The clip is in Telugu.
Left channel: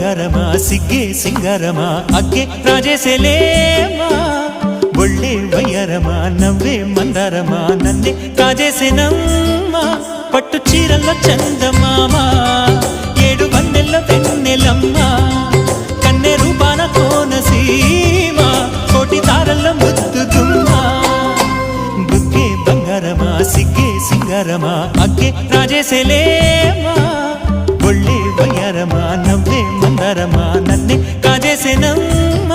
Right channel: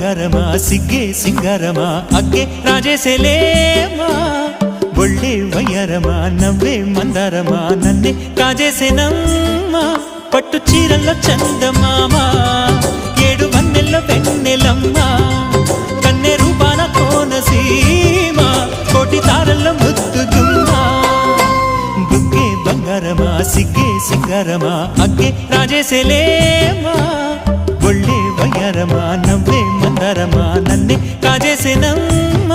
ಬಂಗಾರಮ ಸಿಗ್ಗೆ ಸಿಂಗಾರಮ ಅಗ್ಗೆ ರಾಜೇಸೆಲೇಮಾ ಒಳ್ಳೆ ವಯ್ಯಾರಮ ನವ್ವే మందారమ నన్నే కాజేసెనమ్మ పట్టు చీరల్లో చందమామ ఏడు వన్నెల్లో వెన్నెలమ్మ కన్నె రూపాన కోనసీమ కోటి తారల్లో ముద్దుగుమ్మ బుగ్గే బంగారమ సిగ్గే సింగారమ అగ్గే రాజేసెలేమా ఒళ్ళే వయ్యారమ నవ్వే మందారమ నన్నే కాజేసెనమ్మ